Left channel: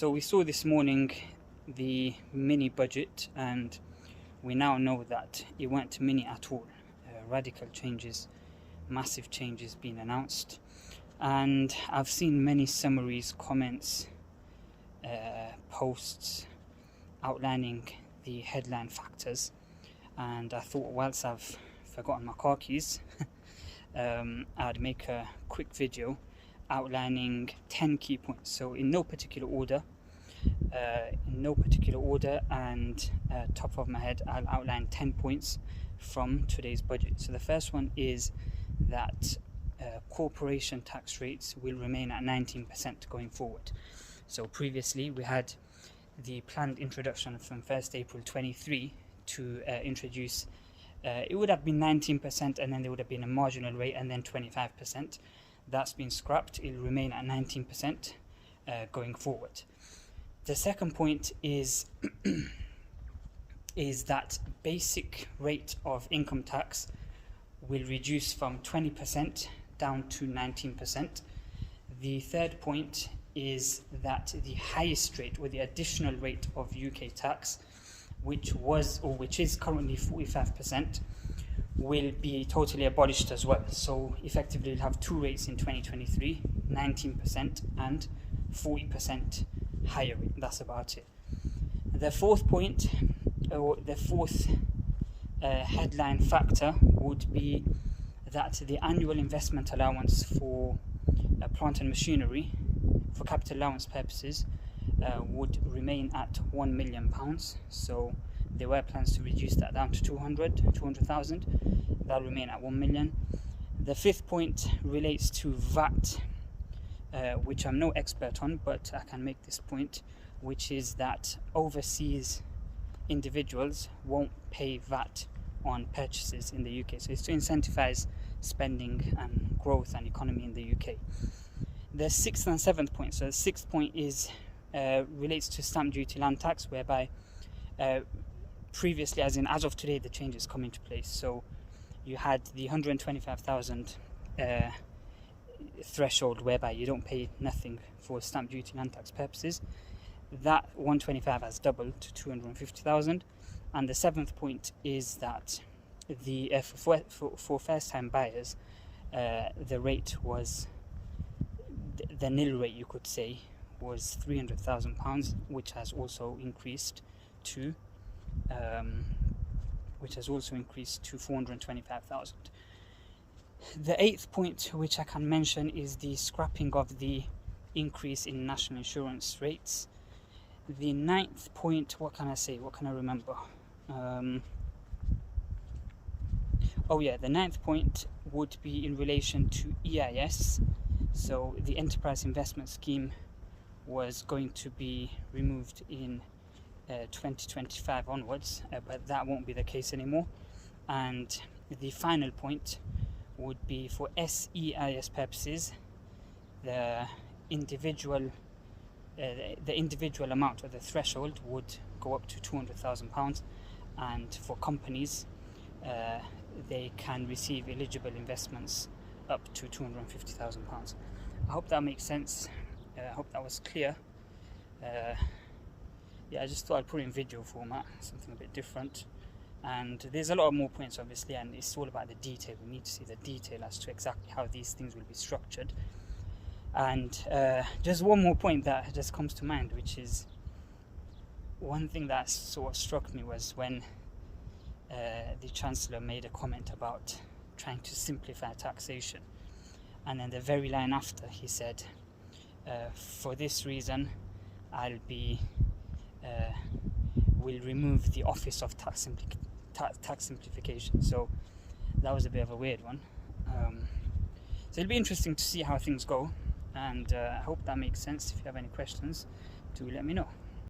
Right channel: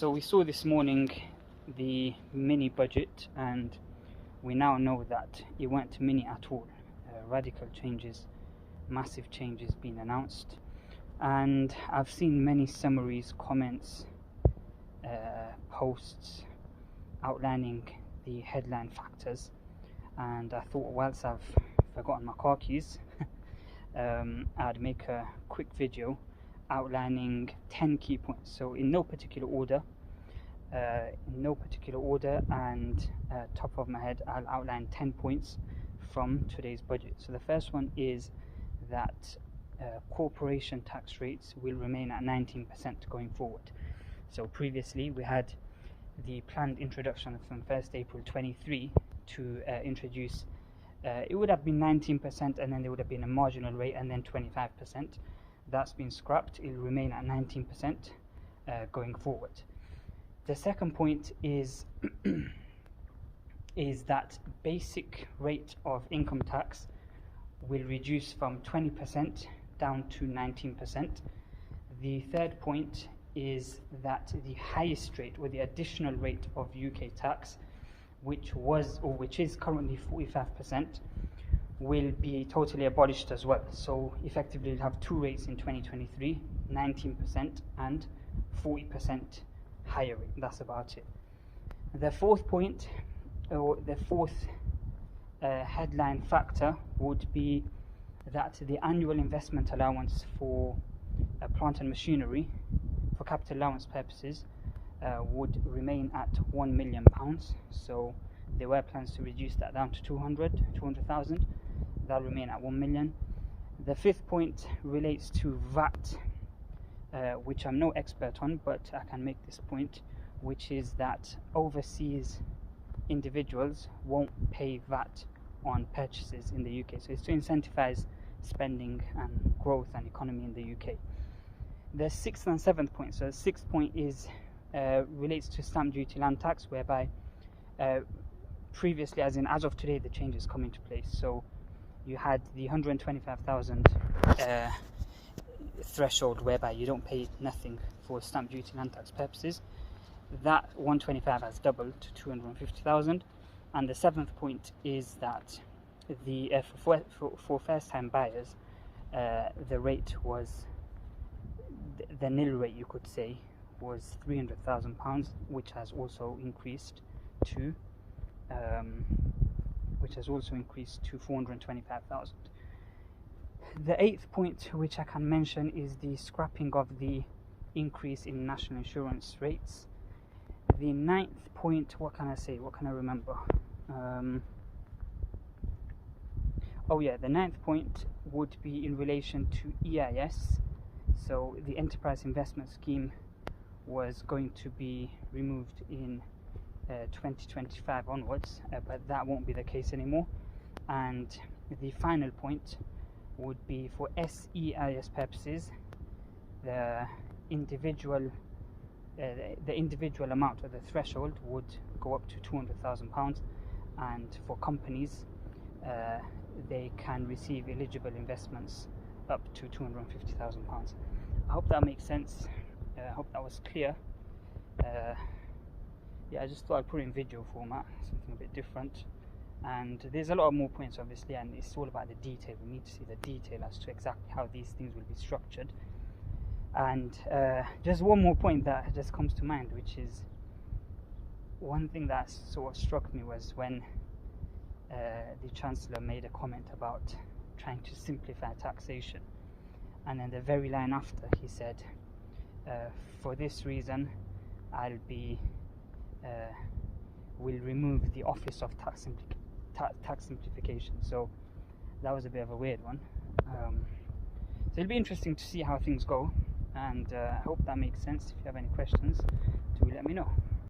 So we saw this morning the mini budget, and we now know that it weren't mini at all. Radical changes, massive changes being announced, and I've seen many summaries, comments, posts outlining the headline factors, and I thought, whilst I've forgotten my car keys, I'd make a quick video outlining 10 key points. So in no particular order, and top of my head, I'll outline 10 points from today's budget. So the first one is that corporation tax rates will remain at 19% going forward. So previously we had the planned introduction from 1st April 23 to introduce, it would have been 19%, and then there would have been a marginal rate, and then 25%. That's been scrapped. It will remain at 19% going forward. The second point is that basic rate of income tax will reduce from 20% down to 19%. The third point is that the highest rate, or the additional rate of UK tax, which is currently 45%, will be totally abolished as well. So effectively we'll have two rates in 2023, 19% and 40% higher rate. That's about it. The fourth point, or the fourth headline factor, would be that the annual investment allowance for plant and machinery for capital allowance purposes would remain at £1 million. So there were plans to reduce that down to 200,000. That'll remain at 1 million. The fifth point relates to VAT, which I'm no expert on, but I can make this point, which is that overseas individuals won't pay VAT on purchases in the UK. So it's to incentivize spending and growth and economy in the UK. The sixth and seventh point. So the sixth point is relates to stamp duty land tax, whereby previously, as of today, the changes come into place. So you had the 125,000 threshold, whereby you don't pay nothing for stamp duty land tax purposes. That 125 has doubled to 250,000. And the seventh point is that the for first-time buyers, the rate was the nil rate, you could say, was £300,000, which has also increased to 425,000. The eighth point, which I can mention, is the scrapping of the increase in national insurance rates. The ninth point, what can I say? What can I remember? The ninth point would be in relation to EIS. So the Enterprise Investment Scheme was going to be removed in 2025 onwards, but that won't be the case anymore. And the final point would be, for SEIS purposes, the individual amount, or the threshold, would go up to £200,000, and for companies they can receive eligible investments up to £250,000. I hope that makes sense. I hope that was clear. I just thought I'd put it in video format, something a bit different. And there's a lot of more points, obviously, and it's all about the detail. We need to see the detail as to exactly how these things will be structured. And just one more point that just comes to mind, which is one thing that sort of struck me, was when the Chancellor made a comment about trying to simplify taxation. And then the very line after, he said, for this reason, will remove the Office of Tax Simplification. So that was a bit of a weird one. So it'll be interesting to see how things go, and I hope that makes sense. If you have any questions, do let me know.